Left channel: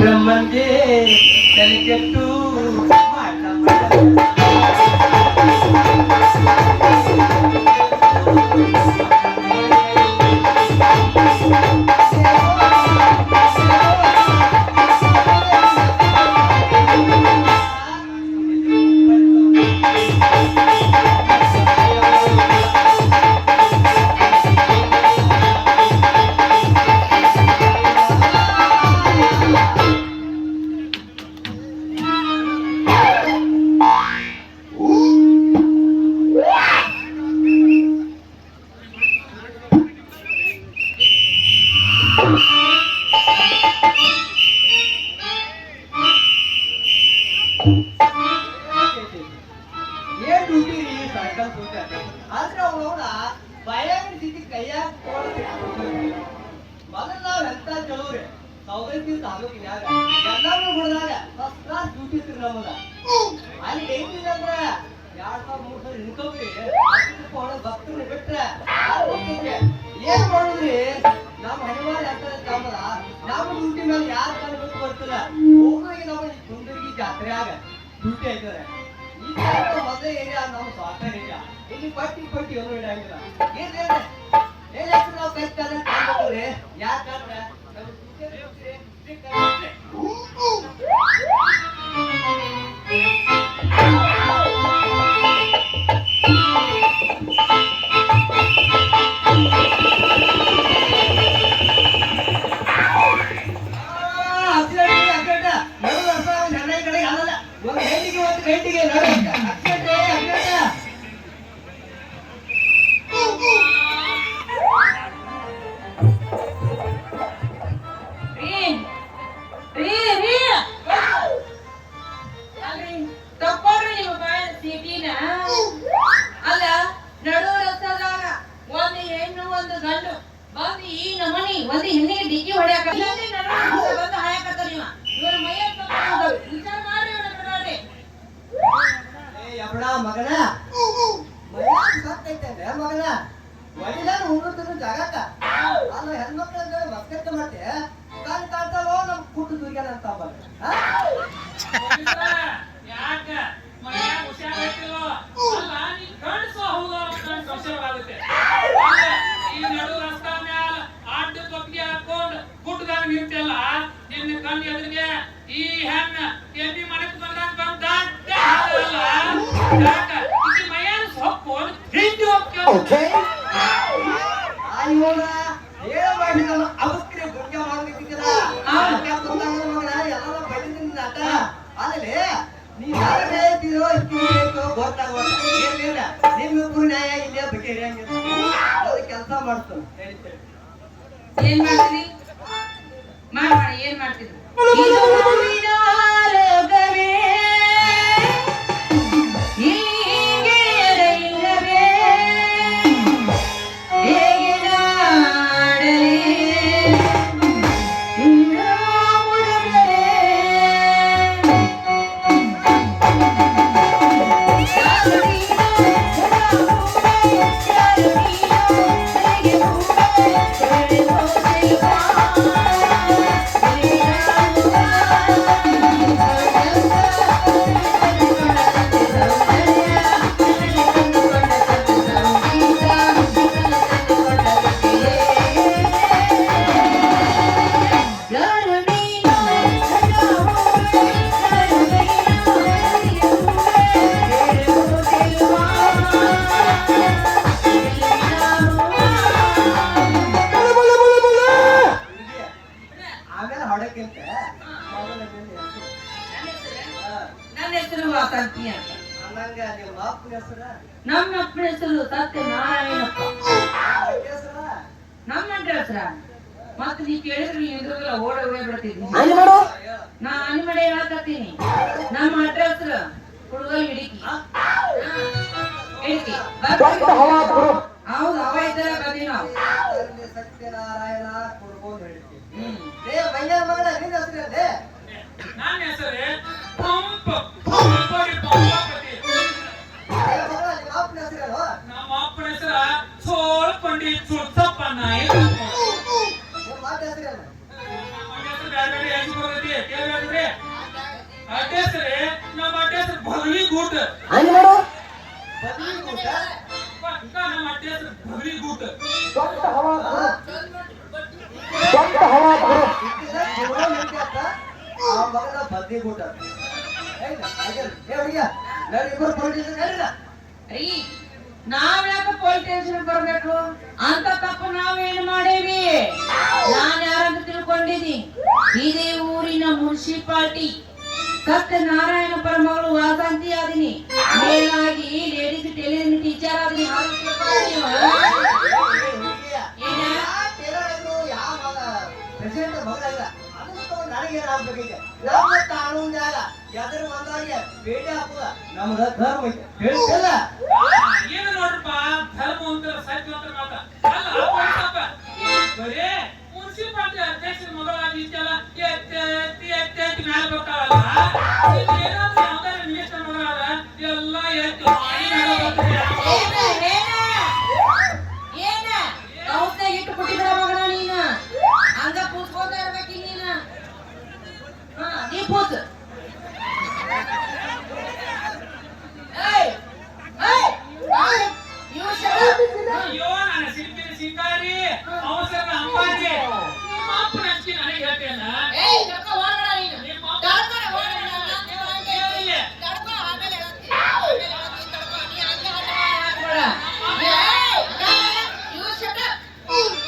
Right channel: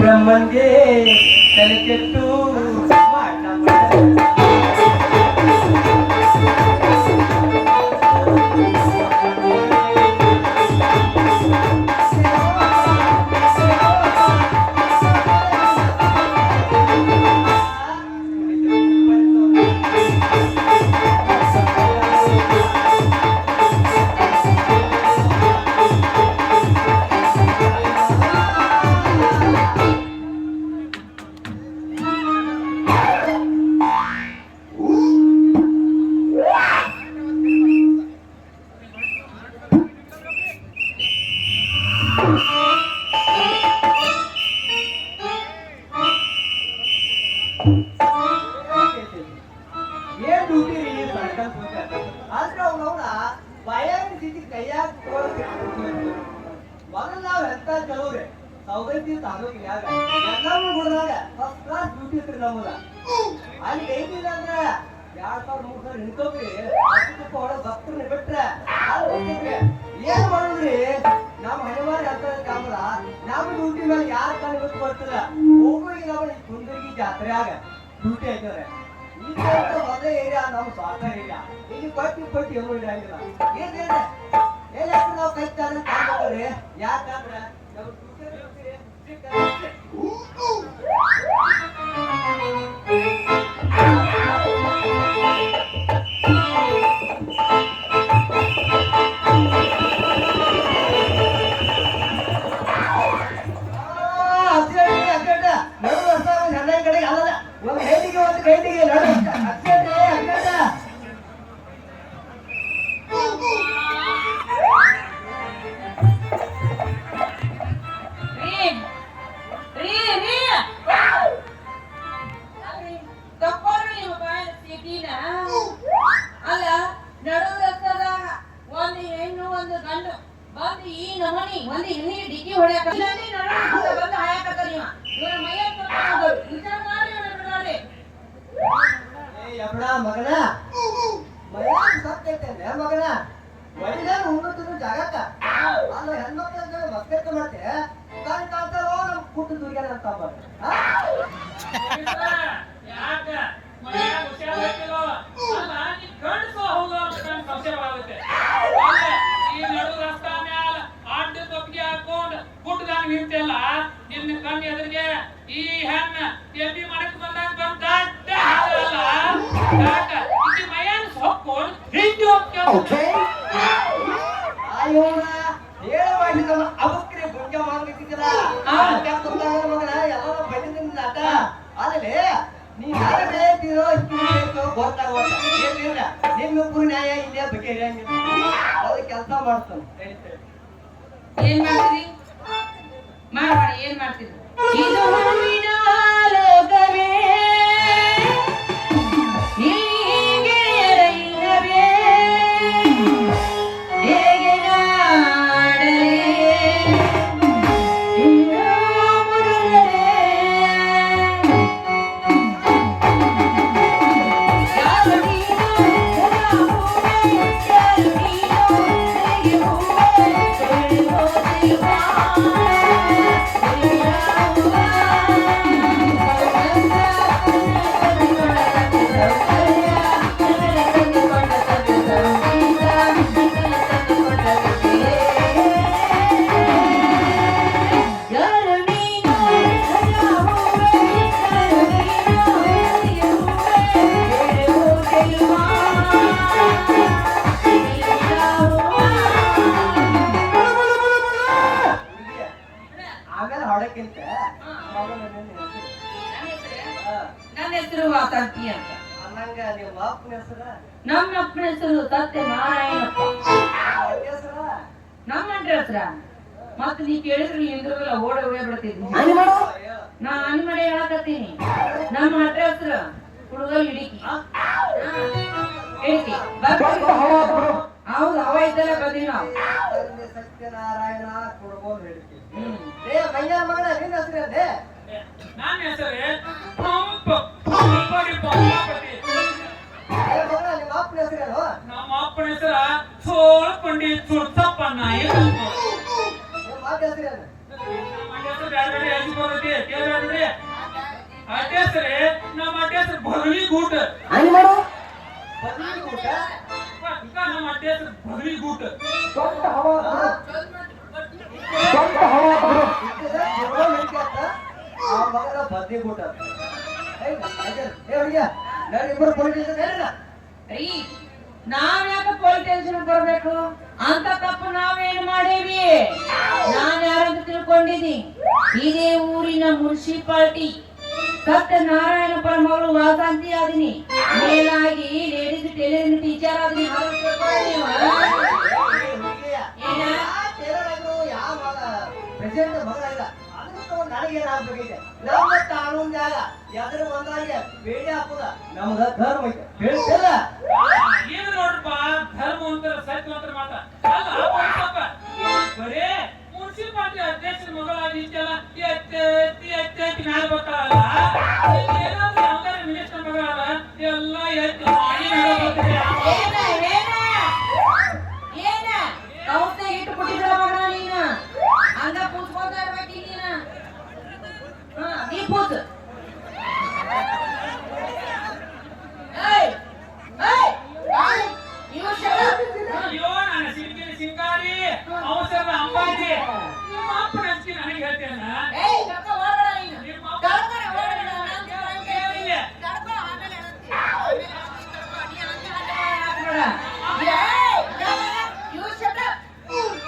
ಬ್ರಹ್ಮನ್ಗೆ ತಲೆ ಕೆಟ್ಟು ಏನ್ ಡ್ಯೂಟಿ ರೀ ಸರ್ಕಲ್ ಆದ್ರೆ ಅವನವನ ಭಯಾಗ ಸಿಕ್ಕಿ ಕೈಯಾಗ ಮೊದಲು ನಾವ್ ಎಂತ ಕೆಲವ್ರಿ ಸೌಗಂತಿ ತಾಲೂಕಿನ ಎಲ್ಲಾರು ಹೊಡೆದಾಗ ಫಸ್ಟ್ ಕ್ಲಾಸ್ ಡ್ಯೂಟಿ ಇರ್ತೀರಿ ನಮ್ಮದ ಅಲ್ಲಿ ಏನಿಲ್ಲ ಅಂದ್ರ 2,000-3,000 ಇನ್ಕಮ್ ರೀ ಭಕ್ತರು ಬಿಟ್ರೆ ಏನ್ ಮಾಡುದ್ರಿ ನಮ್ಮ ಹಣಿವಾರ ಅಂತ ಕಾಮದ ನಮ್ಮ ಡ್ಯೂಟಿ ಮೇಲೆ ಯಾರು ಕಾಣಬೇಕು ಬರ್ತಿಲ್ಲ ಹೋಗಿ ನಾವು ಕುಂದರ್ಗಿ ಜಾತ್ರೆಯಾಗ ಡ್ಯೂಟಿ ಆಯ್ತದೆ ಈ ಮೊದಲೇ ಏರಿಯಾ ನಮ್ಮ ಸ್ವಾರ್ಥ ಏರಿಯಾ ಇಲ್ಲಿ ಪಟ್ಟಿ ಒಂದು ಇಡಂಗಿಲ್ಲ ಏನ್ ನಾವು ಕೈ ಕಾಲ ಕಾಣ್ಬೇಕ್ರಿ ಯಾಕಂದ್ರೆ ಅಲ್ಲ ನಡು ರಸ್ತೆದಾಗ ಒಂದು ಹೆಣ್ಣು ಒಂದು ಗಂಡು ಬಂದು ಈ ನಮನಿ ಒಂದು ಹೆಣ್ಣಿಗೆ ಡಿಕ್ಕಿ ಹೊಡ್ಯಾಕ ಬಂದು ಹಾಯಕತ್ತ ನೀವ ಇವರ ಮೈಯ ವಿಚಾರ ಮಾಡಿ ಮಗನ ಸತ್ತೈತೆ ಮಗನ ಒಳ್ಳೆ ಉಣ್ಣುತ್ತಿದ್ರು ಜಾಗಕ್ಕ ಅಲ್ಲ ಹೆಣ್ಮಕ್ಳ ಮಸ್ಕೆತ್ತ ಮತ್ತೆ ಕಾಲ್ ಕಾಣ್ತಾವೋ ನಮ್ ಕುಟ್ಟು ದುರ್ಗಾನ ಅಂತ ಯಾಕ ಮೈಯಾಗ ಹುಷಾರಾಗ್ತಿಲ್ವೋ ಅಲ್ಲ ನೀ ಕಳ್ಸೋ ಹೌದು ಅಂತ ಸಂಶಯವಾಗುತ್ತೆ ಈ ನಡು ರಸ್ತಾ ಮ್ಯಾಲ ಅಡ್ಡ ಕೊಪ್ಪಿಗೆ ಹಾಕೊಂಡು ಕುಟ್ಟದಾಗ ನಿಂತೆಲ್ಲ ನಿನ್ನ ಕಣ್ಣು ಎದುರಿಗೆ ಈ ಹೆಣ್ಣ ಎಬ್ಬಿ ಮಡಕ್ ಬಂದಾಗ ಬಂದ ಅಲ್ಲ ಯಾಕ ಇದು ಮೈಯಾಗ ಸೊಪ್ಪು ಹಿಂಡಿ ಹೋಗ್ತೇವೆ ಆಯೋಗ ಹೇಳಬೇಡಿ ನಮ್ಮ ಅವಕ್ರಿ ಭಂಗ ಮಾಡ್ಬೇಕಿದ್ದೀರ ಮಗನ ಎಲ್ಲ ಬೈದಿದ್ದೀನಿ ನಾಟ ಆಮೇಲೆ ನೀವ್ ಯಾರು ಬೆಳೆಯುತ್ತೀರೋ ಗೊತ್ತಾಗೋಲ್ಲ ನಿಮ್ಮಿಬ್ಬರು ನ್ಯಾಯ ಇಲ್ಲೇ ಬಗೆಹರಿಯಂಗಿಲ್ಲ ಅವ್ರಿಗೆ ಕೆಲಸ ಮಾಡ್ತಾನೆ ಏನ್ ಮಾಡ್ತೀರಿ ಮಾಡಿ ಏನ್ ಮಾಡ್ತೀರಿ ಇದು ಹೂವಿನ ಲೋಕವೇ ನನ್ನ ಹೆಸರು ವಾಸಂತಿ ಅಂತ ನಮ್ಮ ಅಪ್ಪನ ಹೆಸರು ಸತ್ಯನಾರಾಯಣಪ್ಪ ನಮ್ಮ ಅಡ್ರ ಹೆಸರ ಮತ್ತೆ ನೀ ಕೇಳಿದ್ರೆ ಹಿಂದ್ರಲ್ಲ ಓಡ ಹೋಗೇ ಬಿಡ್ತಿದ್ನಿ ನಾ ಅನಿಮಡೆ ಹೇಳಕತ್ತೀನಿ ನಮ್ಮ ಅಡ್ರ ಹೆಸರು ಹುಡುಗಲ್ ಹಿಡಿಕಿ ಹಿಡಿಕಿ ಹೌದು ಅವ ಇದ್ದಲ್ಲ ಬರ್ತೀವಿ ನಾವು ಸತ್ಯನಾರಾಯಣ ಕುಡ್ಕೊಂಡು ಹೇಳ್ತೀವಿ ಮಗನ ನಿನ್ನ ಹೆಸರೇ ನನ್ನ ಹೆಸರೇ ಪಂಪಡಿ ನಮ್ಮ ಅಪ್ಪನ ಹೆಸರ ಸೋಳ ಪಂಡಿತ್ ಸುಳ್ಸಪ್ಪ ನಾಯಿ ನಮ್ಮ ಹೆಸರು ಬ್ಯಾಡ ಹೆಂಗ್ ಬರ್ತೈತಿ ಕೇಳ್ರಿ ಅಡ್ಡ ಹೆಸ್ರಿ ನಮ್ಮ ಅಡ್ಡ ಹೆಸ್ರು ಬಗಲಿ ಗೂಟ ಅಲ್ಲಿ ಮಾಡು ಬದಲಿ ಊಟ ನಮ್ಮ ಅಡ್ಡ ಹೆಸ್ರು ಬಗಲಿ ಗೂಟ ದೊಡ್ಡ ಹವಾ ಇಟ್ಟಿದ್ರೆ ಜೀವನ ನಿಂತ್ಯಾತ ಆ ಮಗನ ಬದ್ಲಿ ಊಟ ಹುಡುಗಿಯ ನಾನು ಇಬ್ಬರು ಪೊಲಿಟಿಷನ್ ಹೇಳಿಲ್ಲ ರೀ ನಾವ್ ಯಾಕೆ ಪೊಲೀಸ್ ಸ್ಟೇಷನ್ ಬರ್ಬೇಕು ಅಂತ ತಪ್ಪು ನಾವೇನು ಮಾಡೇವಿ ನಾನ್ ಯಾರಂತ ತಿಳ್ಕೊಂಡಿದ್ದೀನಿ ಇದೇ ಊರಿನ ಮುನ್ಸಿಪಾಲಿಟಿ ಸತ್ಯನಾರಾಯಣಪುರ ಮಗಳು ವಾಸಂತಿ ಆದಿನಿ ಮೇಲಾಗಿ ಲೇಡೀಸ್ ಟೈಲರಿಂಗ್ ಟೀಚರ್ ಆದಿನಿ ಪ್ರೆಸಿಡೆಂಟ್ ಮಗಳಲ್ಲ ಅದಕ್ಕೆ ನನಗೇನಾಗ್ಬೇಕೈತೆ ನಮ್ಮ ಕಾನೂನು ಜಾಗ ಎದ್ರ ಬಂದಾಗ ಬೇಡಿ ಹಾಕುದ ನಮ್ದ ಧರ್ಮ ಐತೆ ಹೇಳ್ತಿಲ್ಲ ಏನು ನೋಡ್ರಪ್ಪ ಧರ್ಮ ಅಂತ ಸತ್ಯ ಅಂತ ಮಾತ ಅಲ್ಲ ಪೊಲೀಸಪ್ಪ ಬರೇ ಮುನ್ಸಿಪಾಲಿಟಿ ಅಧ್ಯಕ್ಷರ ಮಗಳಾಗಿ ಇದ್ದಲ್ಲ ಎತ್ತಿ ಮ್ಯಾಲ ಬರ್ತಾವಲ್ಲ ಏನಾದ್ರೂ ಯಾವ್ದಾರ ಮಿನಿಸ್ಟರ್ ಮಗಳಾದ ಎಲ್ಲ ಎತ್ತಿ ಇಟ್ಟು ಕೊಟ್ಟಿದ್ರ ಮಗನ ನೀನ ಹಂಗ ಪೂಜ್ಕೋತ ಇರ್ಬೇಕು ನೀನ ನೀ ಪೂಜ್ ಅಯ್ಯೋ ನಾನು ಸಿಂಕಿನ ಸಿಂಗಾರಿ ಅವಸರ ಅಂಬಾರಿ ನಿಮ್ಮ ಅಪ್ಪನ ಹಂಚಿ ನನಗೆ ಹೇಳ್ತೇನ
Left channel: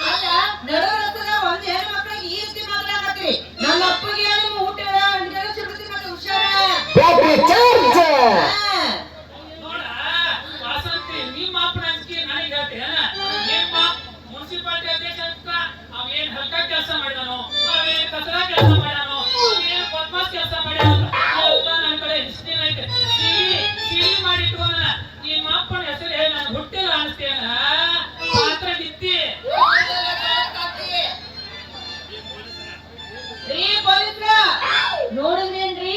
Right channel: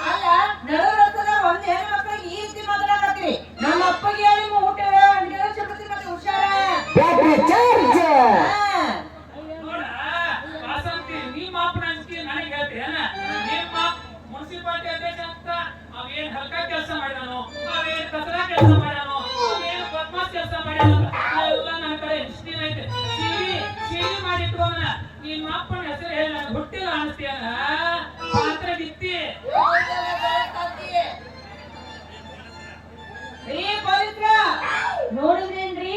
ಅಲ್ಲ ನಡು ರಸ್ತದ ಒಂದ್ ಹೆಣ್ಣು ಮಕ್ಕಳಿಗೆ ಈ ರೀತಿ ಮಾತಾಡಕತ್ತೀರಿ ನಮ್ಮ ಅಪ್ಪಗೆ ನಿಮ್ಮ ಊಟ ಸಿಗುತ್ತೆ ಮತ್ತೆ ಹುಷಾರ ನೋಡ ವಾಸಂತಿ ನಿಮ್ಮ ಅಪ್ಪನ ಹಂಚಿ ನನಗೆ ಹೇಳ್ತೇನ ನಿಮ್ಮ ಮುನ್ಸಿಪಾಲಿಟಿ ಅಧ್ಯಕ್ಷ ಅಂತ ಅವೇನ್ ಹಲ್ಕ ಕೆಲಸ ಮಾಡಿದಾನೋ ಅವೇನ್ ಕಚರ ಕೆಲಸ ಮಾಡ್ಯಾನೋ ಅವೇನ್ ಬದ್ಮಾಸ್ ಕೆಲಸ ಮಾಡ್ಯಾನೋ ಎಲ್ಲ ನನ್ನ ಕಡೆ ಹಿಸ್ಟ್ರಿ ಐತೆ ಸಿಡಿ ಮಾಡಿಟ್ಕೋನ ನಿಮ್ಮ ಅಪ್ಪನ ಹೆಸರು ಹೇಳಿ ನಾನು ಹುಟ್ಟಿಲ್ಲ ಅನಿಸ್ತೇನ ಪಾತ್ರ ಗಿತ್ತಿ ರೀ ಪೊಲೀಸ್ರ ನೋಡಿದ್ರೇನ್ರಿ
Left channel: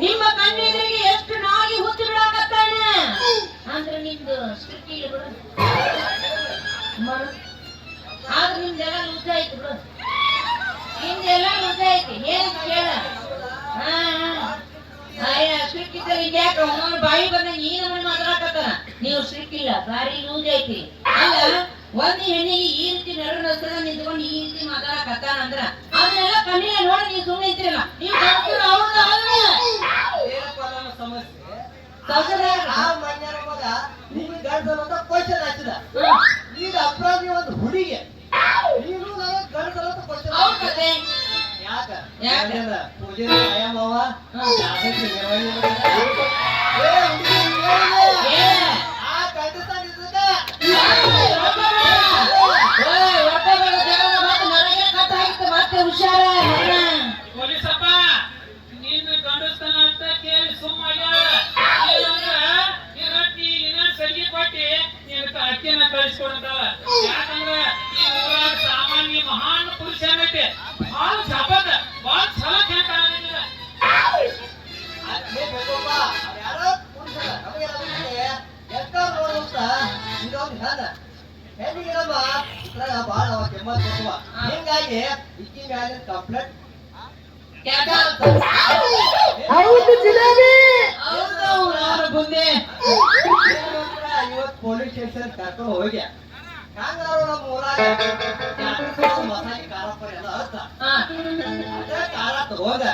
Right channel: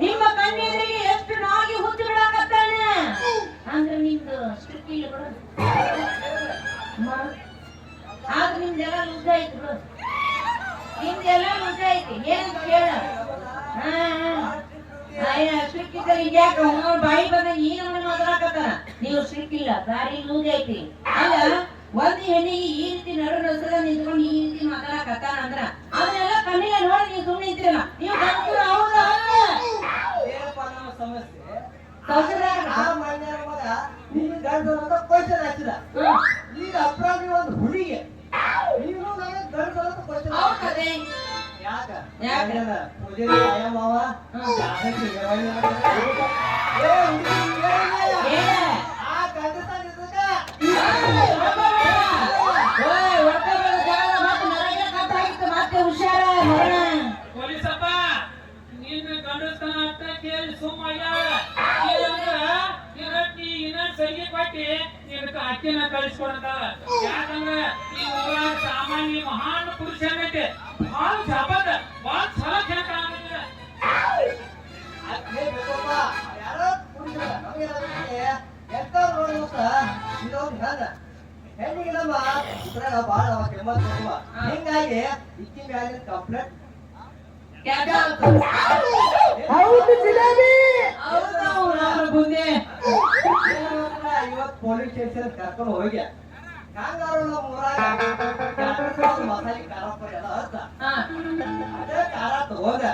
ನಿಮ್ಮ ಕಣ್ಣೆದುರಿಗೆ ಎಷ್ಟು ನಾಗಿ ಹುಚ್ಚು ಬಿಡಾಕತ್ತಾನ ಅಂದ್ರೆ ನಿಮ್ದು ಸ್ಟ್ರಿಕ್ಟ್ ಇಲ್ಲ ಬಿಡು ಆದ್ರೆ ನಿಮ್ದೆಲ್ಲ ಲೂಸ್ ಆಯ್ತು ಬಿಡು ನಿಮ್ದೆಲ್ಲ ಲೂಸ್ ಐತಿ ಏನ್ ಕೇಳ ಸ್ಟ್ರಿಕ್ಟ್ ಇದ್ದರೆ ಇದ್ಯಾಕ ಬಾಯಿ ಬಂದ ಈ ನಮ್ಮನ್ನ ಮಾತಾಡಕತ್ತಾನ ನೀವು ಸ್ಟ್ರಿಕ್ಟ್ ಇಲ್ಲ ಬಾರಿ ಲೂಸ್ ಐತಿ ಅಲ್ಲ ಒಂದ್ ಹೆಣ್ಣಿಗೆ ಈ ರೀತಿ ನಡು ರಸ್ತದ ನಿಂತ್ಕೊಂಡು ಈ ರೀತಿ ಮಾತಾಡಕತ್ತಾನ ಅಂದ್ರ ಅದನ್ನೆಲ್ಲ ಕಣ್ಣಿನ ನೋಡಿ ನೀವು ಸುಮ್ಮನೆ ಇದ್ದೀರಲ್ಲ ನೀವು ಗಂಡಸರು ಹೌದಾ ಏನಪ್ಪ ನಮ್ಮ ಸಮಸ್ಯೆ ಸಂಸದರ ಆ ಮನ್ಯರ ಮಗ ನಿನ್ ಗಂಡಸರು ಅಂತ ಕ್ವಶನ್ ಹಚ್ಚಿದ ಈಗ ಅಪರಾಧಿ ಒಂದು ಹುಡುಗಿ ನೀನು ನನಗೆ ಗಂಡಸರು ಅಂತ ಕ್ವಶನ್ ಹೌದಾ ಯಾಕ ಯಾಕ? ಪೂಜೆ ಕಾಯ ಮಾವ ಜಾಗೃತಿ ನಿರ್ವಹಣೆ ಆ ಗಂಡಸಾಗಿದ್ದಕ್ಕ ಮತ್ತೆ ಹುಷಾರ ಪೊಲೀಸಪ್ಪ ನಿನ್ನ ಗಂಡಸ್ತನ ಅಂತ ಕೇಳಿ ಸುಮ್ಮಾಗ್ಯಾಳ ಇನ್ನೊಂದ್ ಸರಿಗೆ ಕೊಟ್ಟಿ ನಿನ್ನ ಅಕ್ಕಿನ ಕಳಿಸ್ಕೊಡ್ತಾವ ಯಾಕಂದ್ರ ಈ ಊರಾಗ ಸಾಮಾನ್ಯ ಮಹಾನ್ ಪುರುಷ ಏನೈತೆ ಭಾಳ ಜಪದ ಭಾಳ ಛಲ ಕೇಳ್ತಾನಿಲ್ಲ ಅದೇ ಬೇಕಪ್ಪ ಯಾರೋ ಪುರುಷರ ನಮಗೆ ಎಷ್ಟಾರು ನೋಡುವಂತ ಇನ್ನೊಂದು ಹೆಣ್ಣ ಹೆಣ್ಣಿಗೆ ನಮ್ಮ ಇದ್ರಾಗ ಭಾಳ ಕೆಮ್ಮತ್ ಬರ್ತವ ಹಿಂಗಾಗಿ ಇಕ್ಕಿ ಮ್ಯಾಲಿನ ಕಂಪ್ಲೇಂಟ್ ಹೌದು ಜಿಲೇಬಿ ಹೌದು ಮುಂದೆ ಇವತ್ತು ಪೊಲೀಸ್ ಸ್ಟೇಷನ್ ಕರ್ಕೊಂಡು ಹೋಗಿ ಹಂಗಾರು ನಮ್ಮ ಊರಾಗ ಮಸಾಲೆ ಖಾರ ಪುಡಿ ಎಲ್ಲ ಹತ್ತ ಅದೇ ಖಾರ ತಗೋದ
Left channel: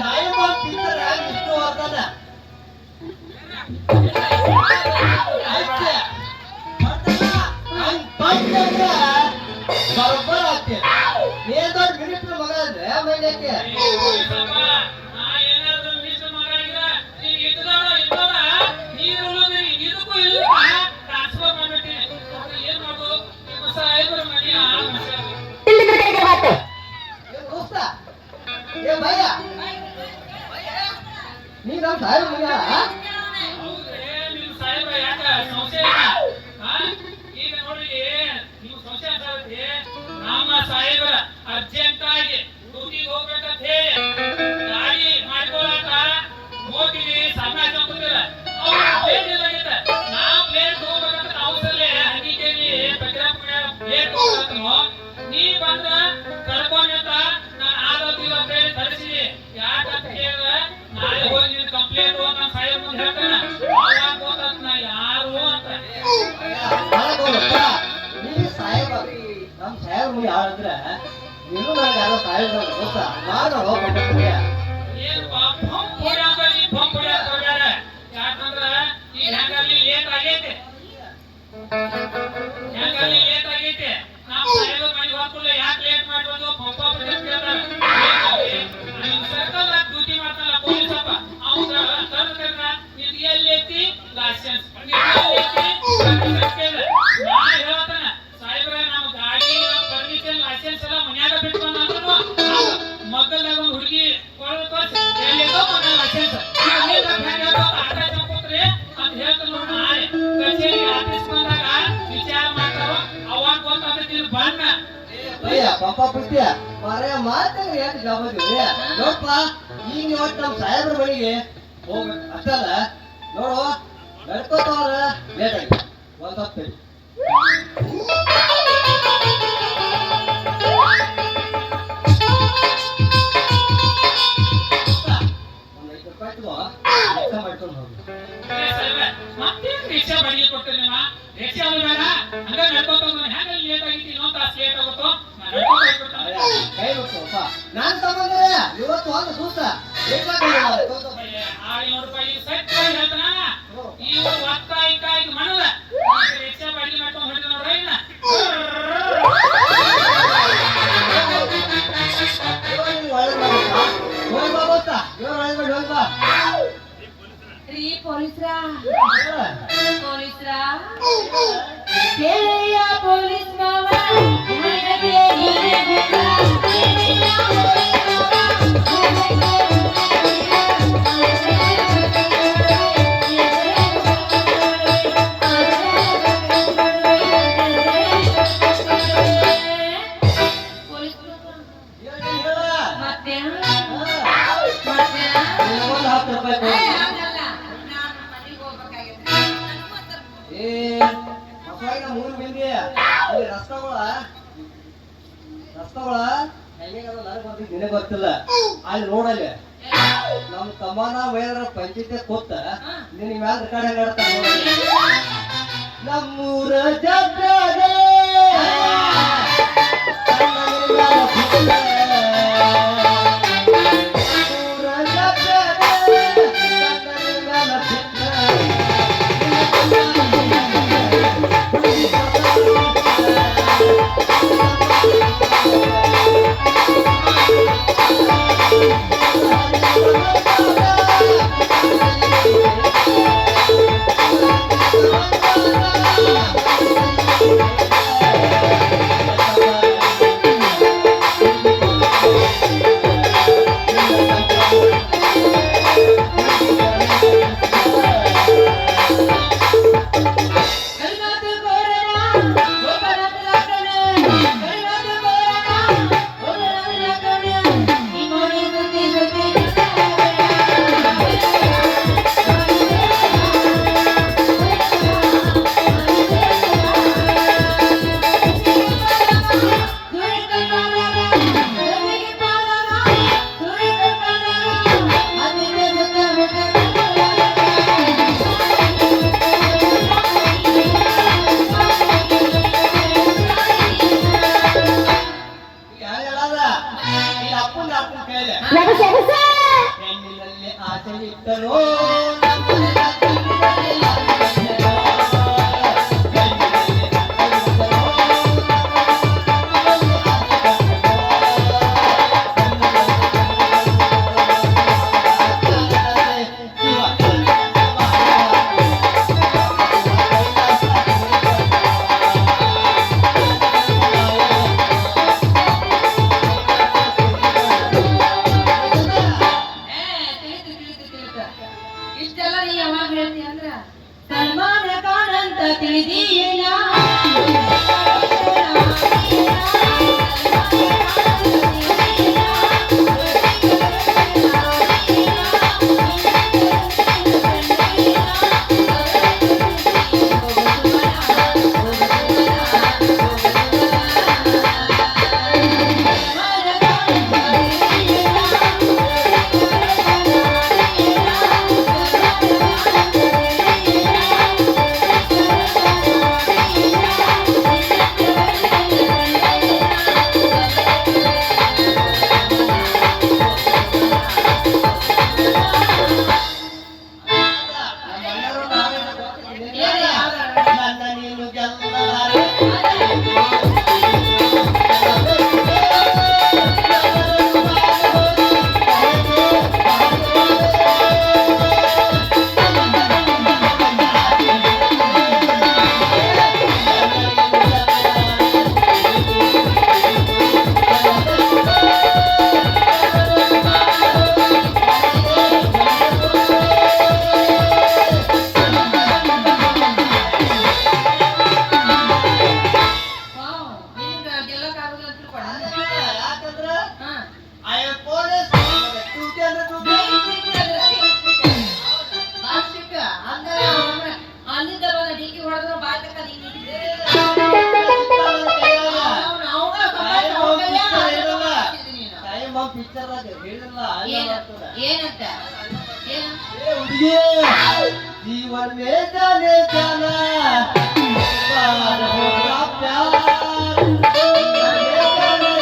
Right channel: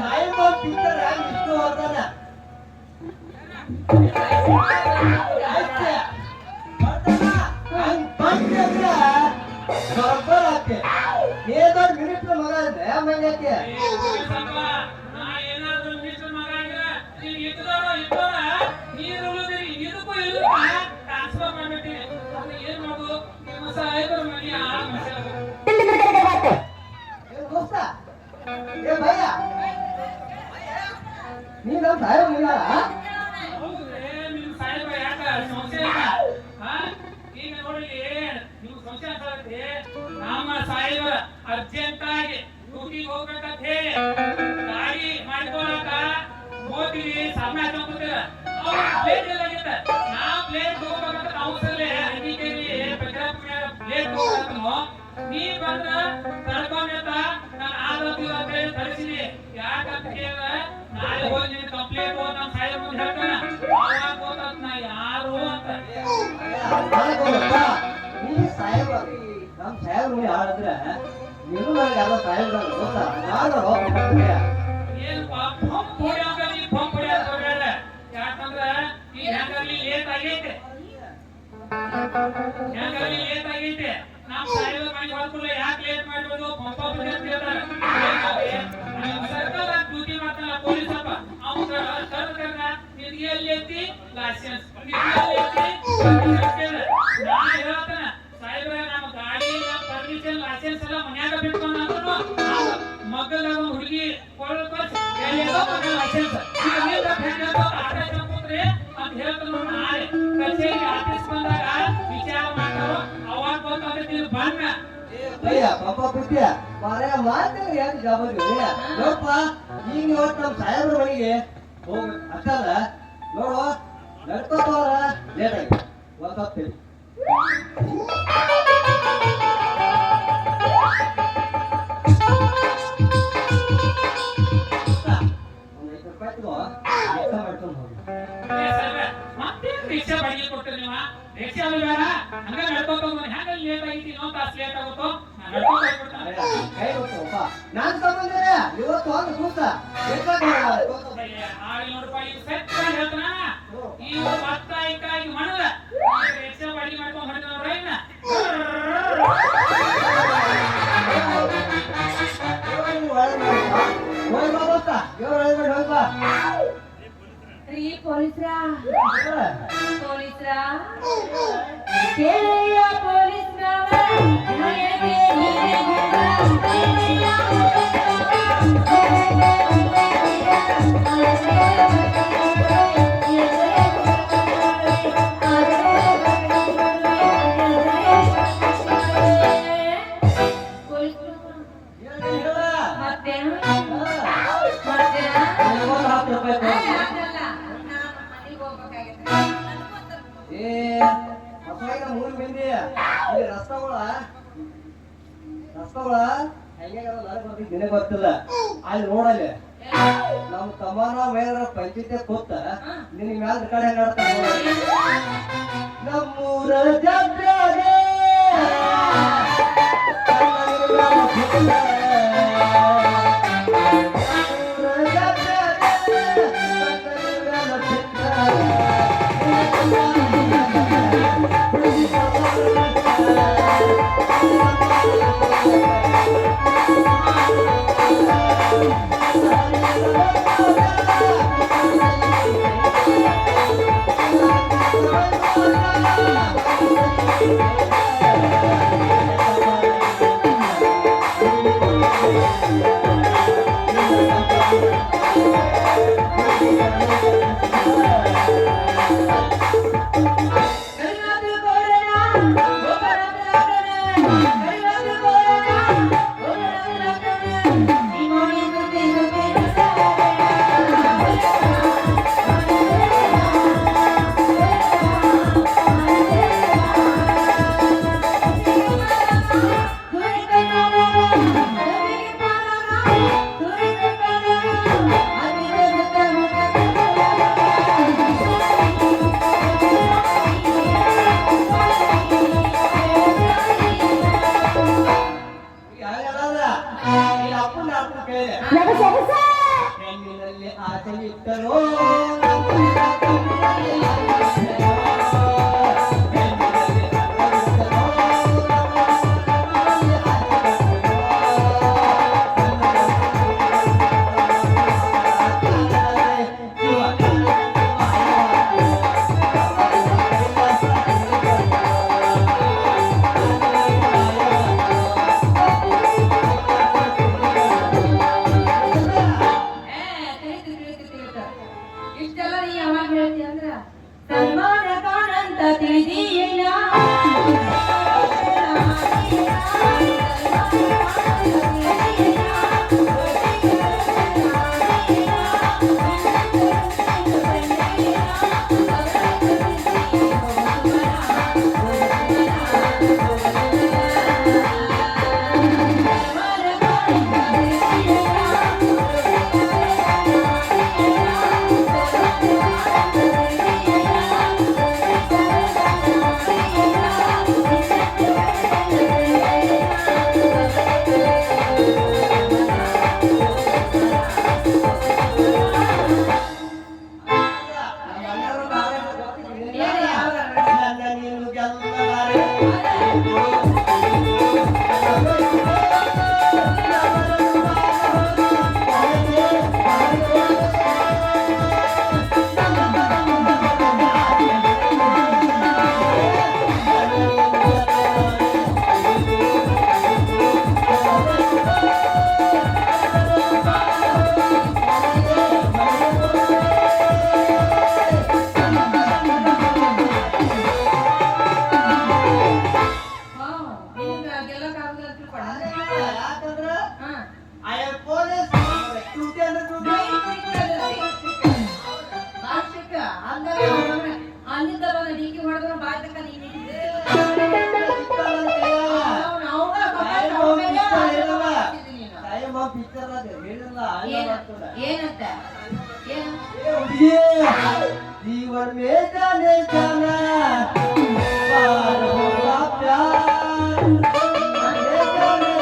ಟೈಮ್ ಬಂದ್ ಪಿಕ್ಚರ್ ಹ್ಯಾಂಗ ಇಷ್ಟು ಬರ್ತಾನ ಬರೋಬ್ಬರ ಆಗ್ತೇ ನೀ ದೊಡ್ಡ ಮಿನಿಸ್ಟರ್ ಮಗ ಅಂದ್ರೆ ಮೈನಕ್ಕೆ ನಾ ಏನಾದ್ರು ಮಿನಿಸ್ಟರ್ ಮಗ ಈಗ ನೀನ್ ಇದ್ದೋರ ನೀರು ಉಳಿದ್ರಿ ಇದಕ್ಕೂ ಇಲ್ಲಪ್ಪ ಟ್ರಾನ್ಸ್ಫರ್ ಮಾಡ್ಬಿಟ್ಟಿನಿ ಏನ್ ಮಾಡೋದು ನಿಮ್ಮ ಸಾಹೇಬರ ಮನೆ ಏನ್ ದೋಸ್ತ ಏ ಭಯ ನೀ ನಮ್ಮ ಸಾಹೇಬ ಮಗ ನಿಮ್ ಸಾಹೇಬ ಯಾಕ ಸಂಶಯ ಈಗ ನೋಡಿ ನೀವು ಸಂಶಯ ಆಗ್ತದೆ ನಮ್ಮ ಸಾಹೇಬರ ಅರ್ಜೆಂಟ್ ಆಗಿ ಡ್ಯೂಟಿಗೆ ಹೋಗ್ಬೇಕಂತ ಹೇಳಿ ಗಾಡಿ ಮಾಡ್ಕೊಳಕ ಮೋಟಿವಿ ಸಾಮನೆ ಹಾಕೊಂಡಿಲ್ಲ ಅವ್ರು ಪ್ಲೇಟ್ ಎಲ್ಲ ಆಗೈತೆ ನಾ ಪ್ಲೇಟ್ ಹೋಗ್ಬೇಕಂತ ಅವಸರಲ್ಲೇ ಹಂಗಿದ್ದೇವಿ ಪೆಟ್ರಾಪ್ ಪ್ಲೇಟ್ ಹೋಗ್ಬೇಕಂತ ನೀ ಬಂದ್ರ ಕರ್ಕೊಂಡ ನಾನು ಆ ಯಾಕಂತ ಹೇಳಿದ್ರೆ ನಾಳೆ ಹೋಗಿ ನಿನ್ ಕಂಪ್ಲೇಂಟ್ ನಮ್ಮ ಸಾಹೇಬ್ ಮುಂದೆ ಹೇಳ್ತಾನ ಅವಾಗ ಗೊತ್ತಾತ್ ನಾ ಯಾರು ಅಂತ. ನೀ ಸಾಹೇಬ ನಮ್ ಸಾಹೇಬ್ ಮುಂದೆ ಹೇಳಿದ್ರೆ ನೀನು ನನಗೆ ಯಾರೋ ಸಾಹೇಬ್ರ ಗೊತ್ತಾ ನಾನು ಏನಪ್ಪ ಪಂಪ್ ಹೊಡ್ಯಾಕ ನೀ ಪಂಪ್ ಹೊಡ್ಯಾಕ ಹೋಗ್ಯಾರ. ಯಾಕಂದ್ರ ಈ ಹೆಂಗಲ್ಲಿ ಲೇಟ್ ಆಗೈತೆ ನಮ್ಮ ಸಾಹೇಬರ ಮನೆಗೆ ಹೋಗ್ಬಿಡ್ಲೆ ಯಾಕೆ ಲೇಟ್ ಮಾಡಿರೋದು ಪಂಪ ಅಂತ ಕೇಳ್ತಾರೆ. ಸರ್ಕಲ್ ಡ್ಯೂಟಿ ಮಾಡ್ತಾನಲ್ಲ ಪೊಲೀಸ್ ಅಪ್ಪ ಅವಾಗ ತರ್ಕರ್ನ ನಿನ್ ಎಲ್ಲಿ ಐತಿ ಲೈಸೆನ್ಸ್ ನಾ ಹೇಳ್ತಾನ ಸಾಹೇಬ್ರ ನಮ್ಮ ಗಾಡಿ ಪರ್ಮಿಷನ್ ಲೈಸೆನ್ಸ್ ಎಲ್ಲ ಮನ್ಯಾಗ ಬಿಟ್ಕೊಂಡ್ ಮಗ್ಗಲ್ದಾಗ ಒಂದು ಹುಡುಗಿ ಎಲ್ಲಿದೋ ಮಗ ಲೈಸೆನ್ಸ್ ಆಟ ಚಂಪುತ್ರಿ ಅಂತ ಹೇಳ್ತಾನ ನೋಡಿ ನಾಳೆ ಕಚೇರಿ ಆಫೀಸ್ ಬಂದಾಗ ವಿಚಾರ ಮಾಡ್ತಾವ ಅವಾಗ ಗೊತ್ತಾಗ್ತೈತಿ ಬಣ್ಣ ಭಯ್ಯ ಪಾಪ ಪುಟ್ಯ ಮಾರೇ ಮಾತಾಗ ಯಾಕೆ ಜವಾಬ್ದಾರಿ ನೋಡಪ್ಪ ಈಗ ಇವತ್ತು ನಮ್ಮ ಸಾಹೇಬ್ರ ಮನೆಗೆ ಹೋಗ್ಬೇಕು ಅಷ್ಟಲ್ಲ ನೋಡು ನಡ್ಕೋತವ್ರ ಲೇಟ್ ಆಗಿ ಒಂದ್ ಹೊತ್ತು ಮಾಡ್ಕೊಂಡು ಹೋಗಿ ಮತ್ತೆ ರಿಕ್ಷಾ ಬಾಡಿಗೆ ಕೊಡ್ತೇನೆ ನೀವು ರಿಕ್ಷಾ ಅದು ಬೇಡ ಹಂಗ ನಡ್ಕೊಂತ ಹೆಂಗ ಲೇಟ್ ಆಗಿತ್ತು ಇನ್ನೊಂದು ತಾಸು ಲೇಟ್ ಆಗುತ್ತೋ ಕೈ ಗೊತ್ತಪ್ಪ ನಾನ್ ತಗೊಂಡೆ ಇವತ್ತು ಒಂದು ಕೂತ ₹500 ಸೆಟ್ ಹೇಳ್ತಾನ ಇವು ಒತ್ತ ಈಗ ಮಾಡಲ್ಲ ರಿಕ್ಷಾ ಬಾಡಿಗೆ ಮಾಡ್ಕೊಂಡು ಹೊರಟ ನೋಡ್ರಿ ಇನ್ನ ರೀ ಪೊಲೀಸ್ರಾ ಕೇಳಿಯ ಪೊಲೀಸ್ನವ ನನಗೆ ರಸ್ತಗಳ ನಿನಗೆ ಗೊತ್ತಿಲ್ಲ ಅಲ್ಲಿ ನೋಡಲ್ಲಿ ನಮ್ ತಮ್ಮನ ಮೇಲ ಪಂಚಾಯತಿ ಕೂತ ನಿನ್ ಮ್ಯಾಲ ಕಡೆ ಹೆಂಗಾಡ್ತಾರ ನಮ್ಮೂರ ಜಾತ್ರೆ ಇಷ್ಟೆಲ್ಲ ನೀ ಯಾವಾಗ ಹೇಳ್ತಿ ಅಂದ್ರ ಅಲ್ಲಿಂದ ಬಂದ ಡಿಕ್ಕಿ ಹೊಡೆದ್ರು ಬಾಯ್ ತಕ್ಕ ಏನಂತ जीवन में जाने जाना पार होगा प्यार जीवन में जाने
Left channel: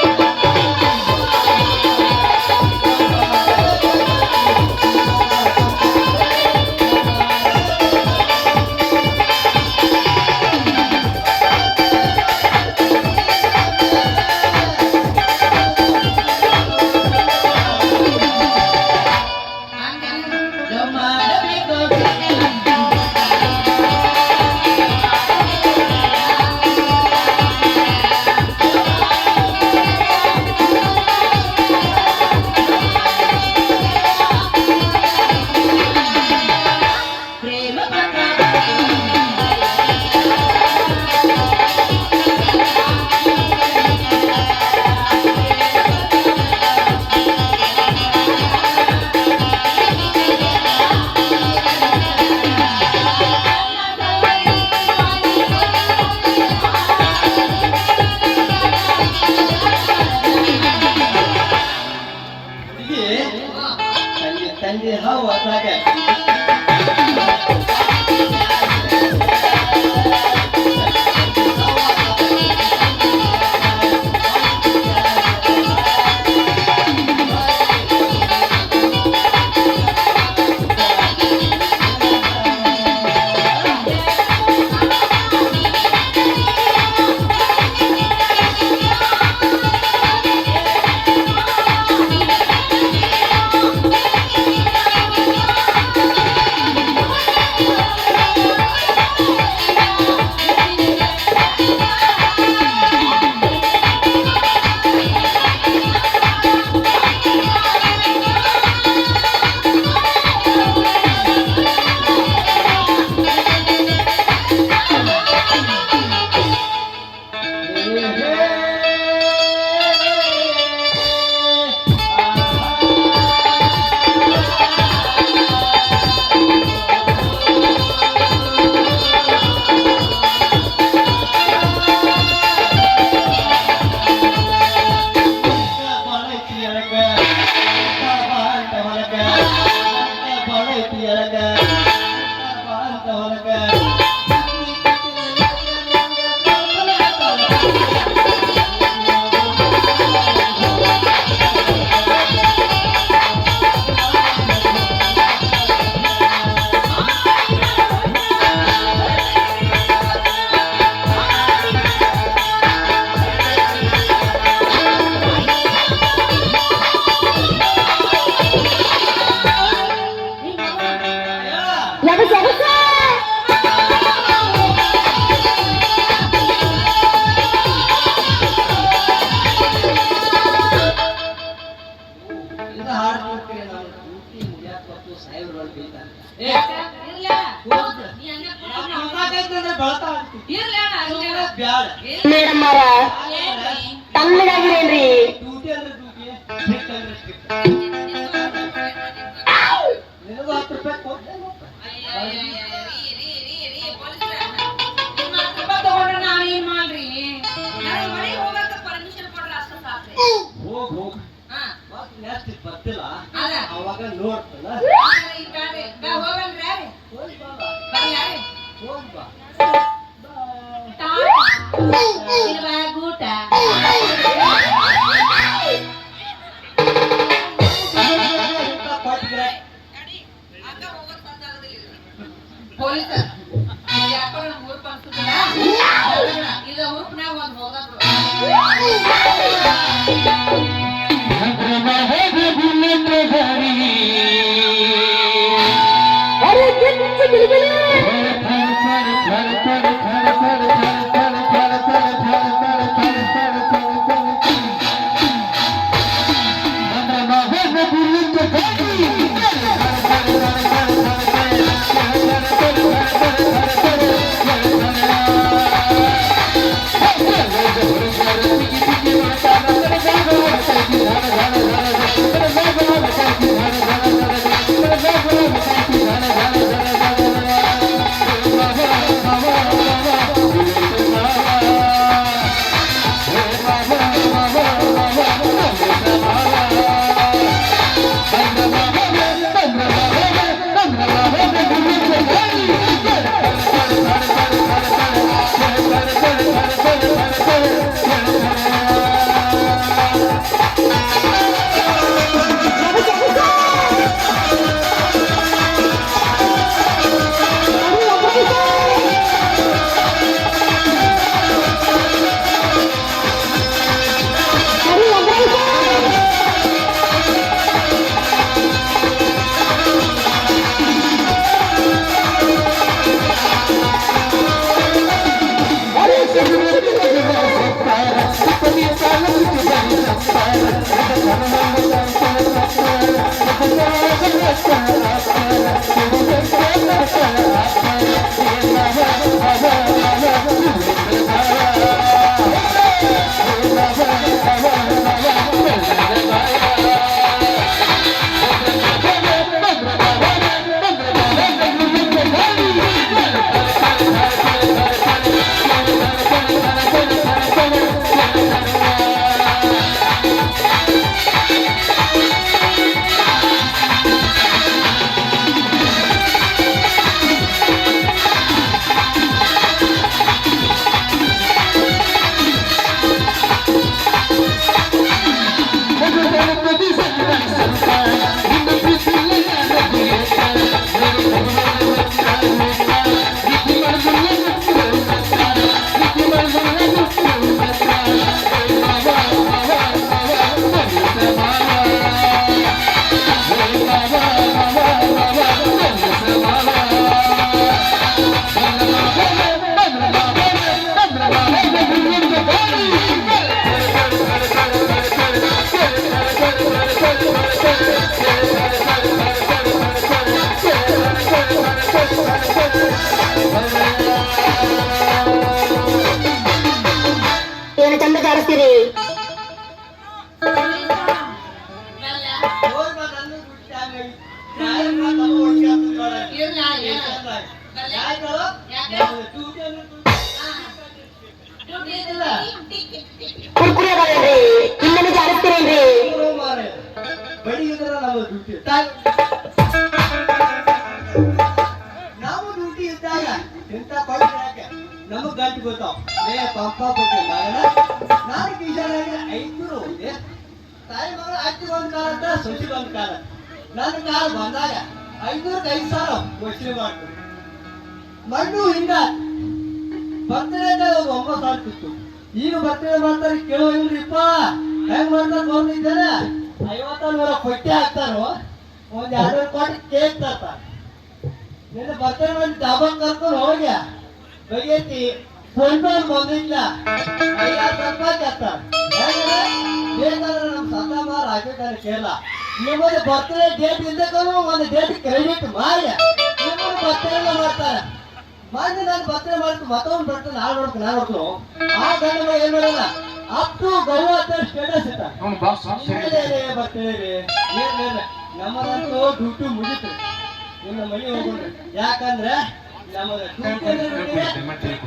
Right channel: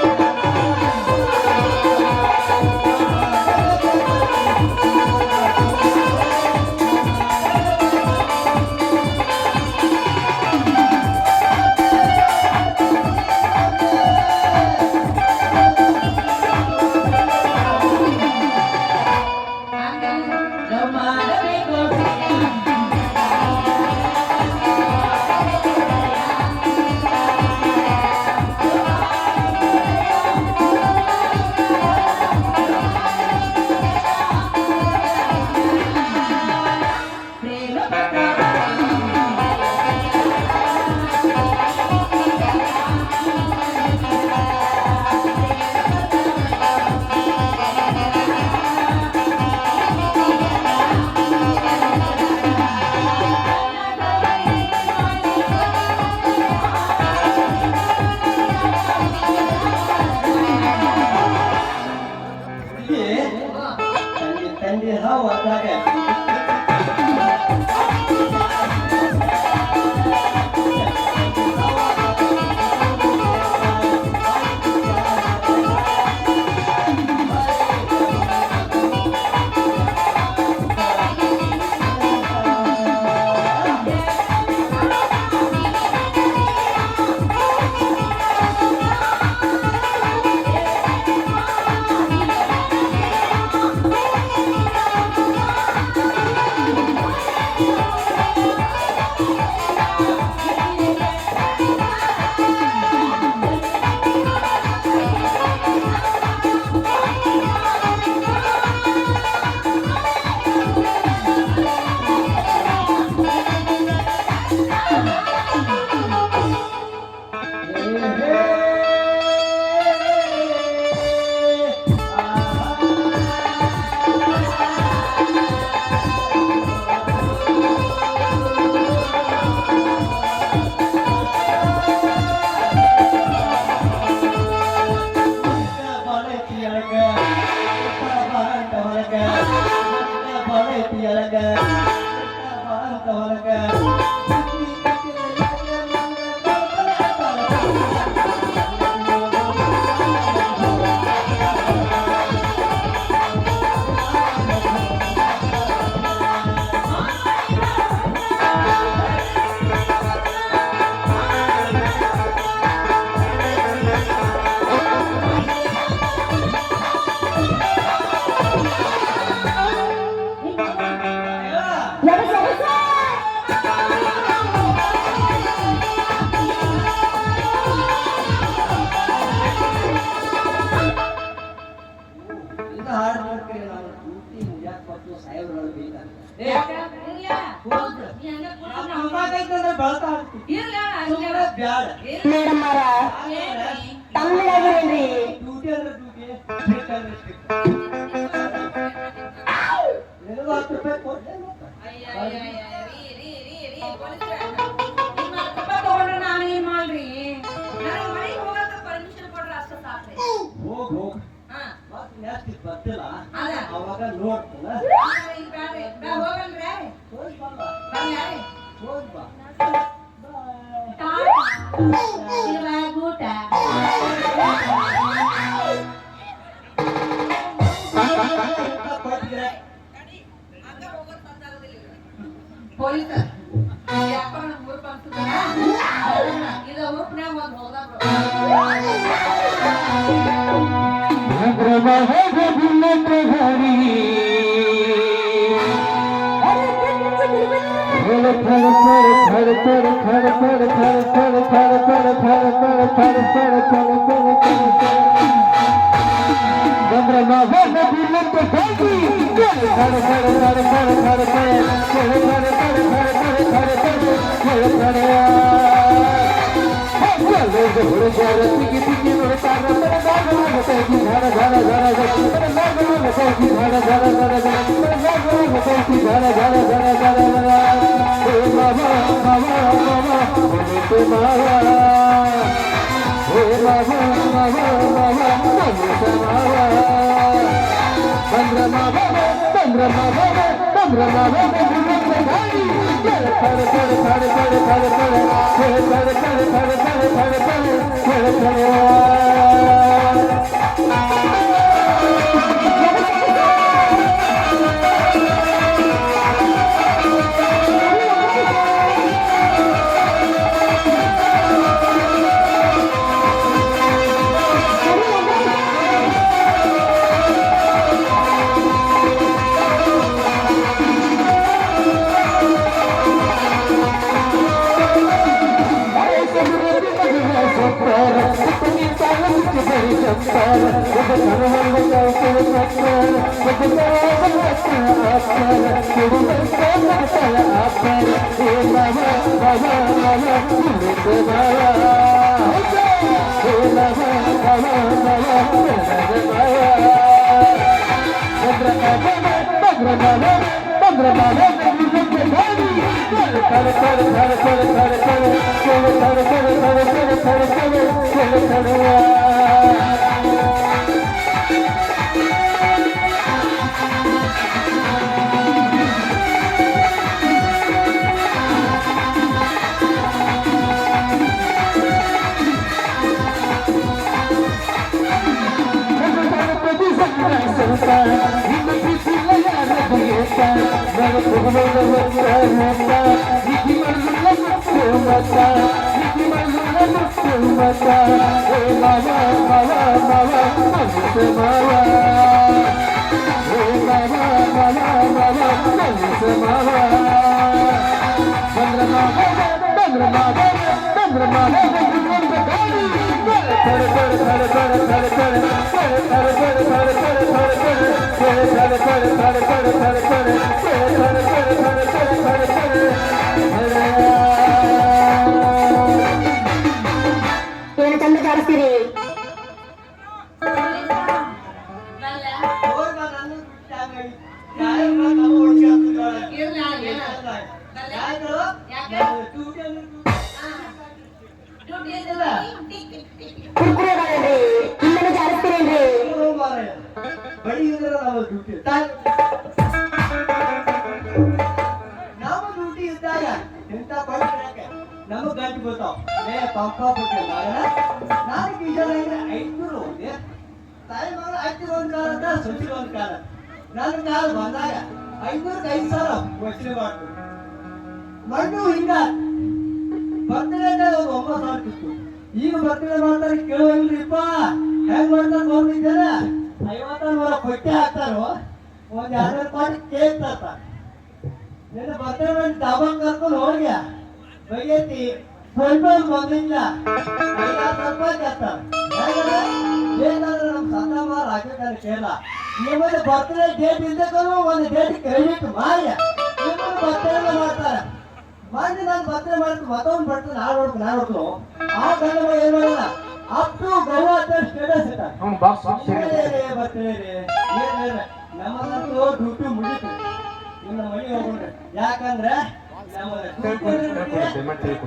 ತಂದೆ ಹೌದಾಗ ಮೇಡಮ್ಮರ ತಣ್ಣಗಾಗಿರೇನ್ರಿ ಡ್ಯೂಟಿ ಅಂದ್ರೆ ಡ್ಯೂಟಿ ಸ್ಟ್ರಿಕ್ಟ್ ಅಂದ್ರೆ ಸ್ಟ್ರಿಕ್ಟ್ ನಿನಗೂ 10 ರೂಪಾಯಿ ಕೊಡ್ತೇನೆ ತಗೊಂಡ್ರೆ ನಾನೇನ್ ಮಾಡ್ರಿ ನಾನು ಮನೆಗೆ ಹೋಗಕ್ಕೆ ಪರ್ಮಿಷನ್ ಕೊಡ್ರೆ ಅಷ್ಟ ಸಾಕ್ರಿ ಹೋಗ್ ಹೋಗ್ ಮತ್ತೆ ನೆಕ್ಸ್ಟ್ ಬರ್ತಿಲ್ಲ ಅವಾಗ ನೋಡ್ತೇನ ಹೋಗಲ್ರಿ ಹೋಗ್ ಬಾ ಬರ್ಲ್ಯಾರಿ ಹೋಗ್ ಬಾ ಊಟ ಪೊಲೀಸ ಯಾಕೋ ನಮ್ಗೆ ಊರ್ ಬಂದ್ಸುತ್ತಲ್ಲ ಈಗ ಊರ್ನಾಗ ಒಂದು ಹೋಗೋದು ಧನ ನಾನು ಟೈಮ್ ಆಗಿ ನಾಳೆ ನಮ್ಮ ಒಟ್ಟಿಗೆ ಆಗ್ತದೆ ಇರ್ಲ ಯಾಕೆ ಯಾಕೆ? ಡ್ಯೂಟಿ ಬಡಿಗಿದ್ರೆ ನಮ್ಮ ಡ್ಯೂಟಿ ನಮ್ಮ ಡ್ಯೂಟಿ ಇದ್ದಾಗ ಇಂಥ ಕೊಡ್ತಾರೆ ನಮಗ್ ಗಂಟು ಗೊತ್ತಾವ್ ಪಂಪ ಬಿಟ್ಟಿಲ್ಲ ಮಗನ ನಾನು ಕಿಶನಾಗ 500 ಹೋಗಿದೆ ತಾಯಿ ಮಗಳು ಅಜ್ಜಿ ಒಂದ್ ಕಾಲ ಅಂತ ಸೊಸಿ ಒಂದ್ ಕಾಲ ನನ್ನ ಕಾಲ ಬಂದಾಗ 500 5,000 ವಸೂಲಿ ಮಾಡ್ತು ಮಣ್ಣು ಹಿಂಗ ಬರ್ತಡೇ ಒಂದು 9,000 ಇತ್ತು ಈಗ ಬರ್ತಡೇ ಮಾಡ್ತಾರೆ ಕೇಳೋಂಗಿಲ್ಲಪ್ಪ ಹೆಂಗ್ ಮಾಡ್ತಾರೆ ನೋಡಿದ್ದೇನೆ 50,000 ಕೊಟ್ಟೆ ಹಾಕ್ತಾರೋ ಒಂದ್ 200 ಕೋಟಿ ಕೇಕ್ ತರ್ತಾರೆ ನಿನ್ನ ಬರ್ತಡೇ ಮಾಡಿ ಡಾಬಾಕ್ ಕರ್ಕೊಂಡು ಹೋಗಿ ಬಗೆತಿ ಸ್ವಲ್ಪ ಬಂದಿಲ್ಲ 5,000 ರೂಪಾಯಿ ಕೇಳ್ತಾರೆ ಹೇಗಂದ್ರೆ ಬೇಕಾದ್ರೆ ನಮ್ಮ ಸಂತಾಮಾರ ಹಾಕಿರ್ತಾರೆ ಕೇಳ ನಿಮ್ಮಲ್ಲಿ ಬರ್ತಡೇ ಡೇಟ್ ಇದ್ದಕ್ಕೂ ಒಂದು ಡೇಟ್ ಕ್ರೆಡಿಟ್ ಮಾಡಿ ನಿಮ್ಮನ್ನು ಬರ್ತಡೇ ಮಾಡ್ತಾರೆ ಮಾಡಿ ನಾನು ಬರ್ತಡೇ ಮಾಡ್ತೀನಿ ಮತ್ತೊಂದು ಬರ್ತಡೇ ನಾಳೆ ನೋಡ್ತೀನಿ ಆ ಗಂಡ ಏನ್ ಮಾಡಲ್ಲ ಅಪ್ ಟು ಗೋವಾ ಅಂತ ಸ್ಟೇಟಸ್ ಇಟ್ಟ ಬರ್ತಡೇ ರೀ ಏನ್ ನಮ್ಮದಂತೂ ಡ್ಯೂಟಿ ಮುಗಿತು ನಿಮ್ಮ ಮನೆ ಹೋಗ್ಬಿಡ್ರಿ ಯಾಕಂದ್ರೆ ನಮ್ಮ ಡ್ಯೂಟಿ